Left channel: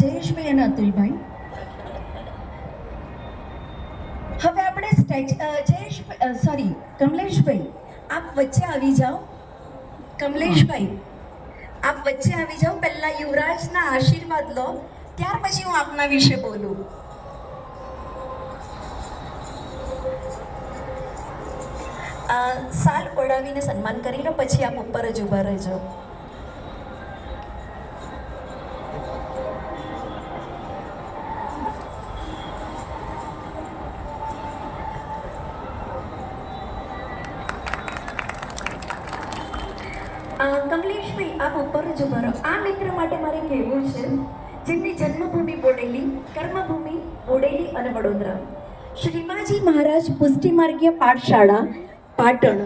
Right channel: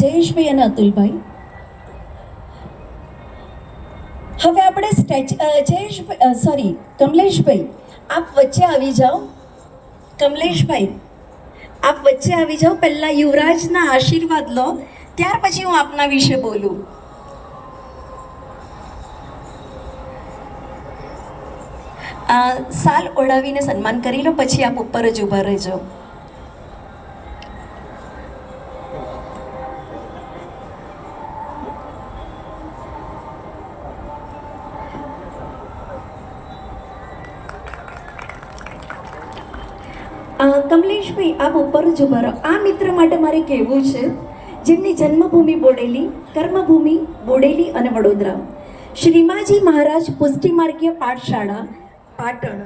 જયેશભાઈ અને અતુલભાઈ, હવે આપણે કમલેશભાઈ આપ વચ્ચે આવી જાઓ. કમલેશભાઈ આપ વચ્ચે આવી જાઓ. પહેલા યુવરાજના આશીર્વાદ લો, ત્યાર પછી હું આપના વિશે બોલું. સાલ ઓઢાવીને સન્માન કરી લો, પછી આપ ઉપર જ ઊભા રહેજો. કમલેશભાઈ આપ ઉપર જ ઊભા રહો. આ મિત્ર માટે મારે કહેવું છે, જેમની જન્મભૂમિ બોડેલી, કર્મભૂમિ બોડેલી અને વડોદરા, શ્રીમાજી મહારાજ પુષ્ટિમાર્ગીય પાઠશાળા પાટણ,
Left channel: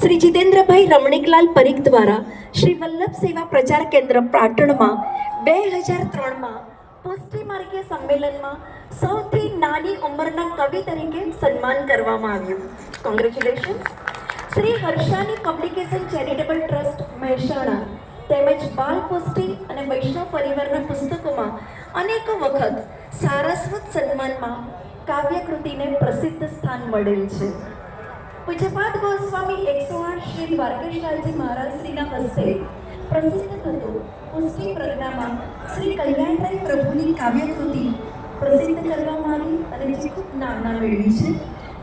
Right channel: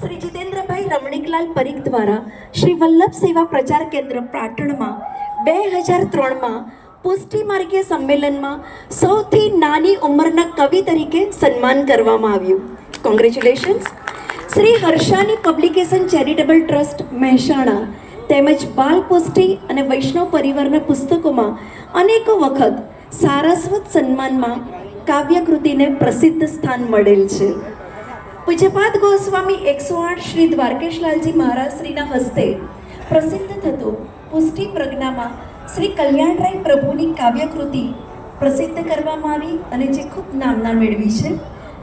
શ્રી જીતેન્દ્રભાઈ રમણીકલાલ પરીખ દ્વારા શ્રી વલ્લભ સેવા પ્રચાર કેન્દ્ર પાટણમાં 2003માં પુષ્ટિમાર્ગીય સંમેલનમાં સૌથી નાની ઉંમરના કવિ તરીકે સન્માન કરવામાં આવ્યું. Congratulations. Shri Harshani publication charitable trust Mehsana તેમજ બાલ પુષ્ટિ અને વૈષ્ણવ પરિવારના પુસ્તકોમાં અનેકો વખત સારસ્વત સન્માનમાં કાવ્યકૃતિને પ્રસિદ્ધ સ્થાન મળેલ છે. પૂજ્યપાદ ગોસ્વામી 108 શ્રી દ્વારકેશલાલજી મહારાજ શ્રીના હસ્તે પ્રસિદ્ધ થતો પુષ્ટિ પ્રજ્ઞામાં શ્રી કલ્યાણરાય પ્રભુની કાવ્યકૃતિ પ્રસિદ્ધ કરવામાં આવી અને જે ખૂબ નામના મેળવી છે.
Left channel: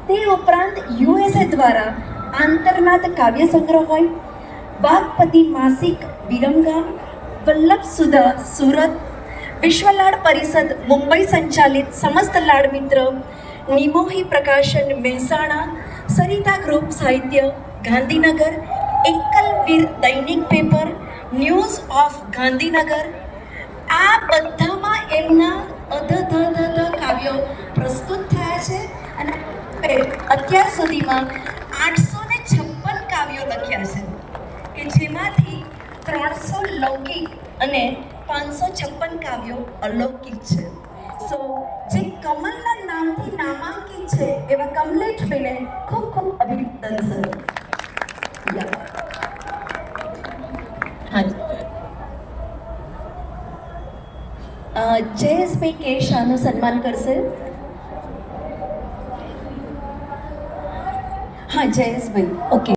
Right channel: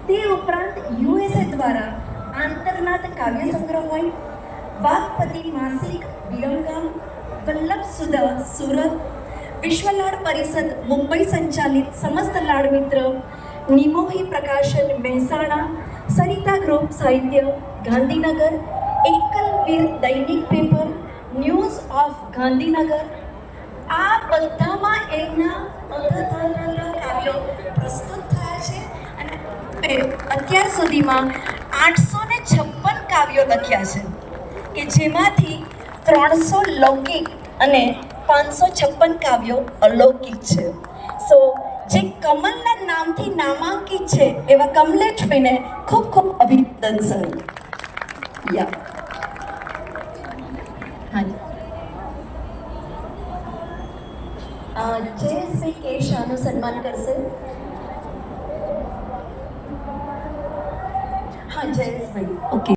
તે ઉપરાંત USA દ્વારા આંતરનાથ કાવ્ય સંગ્રહ હોય, વાઘપતિ માસિક વિરમગામ, વલ્લભ સુધા સુરત, વિશ્વલાડ પરિષદ મુંબઈ સંચાલિત સમસ્ત લાડ મિત્ર, નિમોહી પ્રકાશન મહેસાણા, સરિતા ગ્રુપ સાહિત્ય ગાંધીનગર, એકલવીર દૈનિક પેપર, ન્યૂઝ ઓફ ગાંધીનગર, આ બધામાં એમના કાવ્યો પ્રસ્તુત થયા છે અને અત્યાર સુધીમાં 856 કાવ્યો લખ્યા છે કે જેમાંથી 300 લૌકિક અને 556 કાવ્યો અલૌકિક છે. સો જે કમલના નામથી નામાંકિત છે એવા કમલેશભાઈને ખૂબ ખૂબ અભિનંદન સર. જયેશભાઈ કે શાહનું સન્માન કરશે. હા જયેશભાઈ, ઓકે.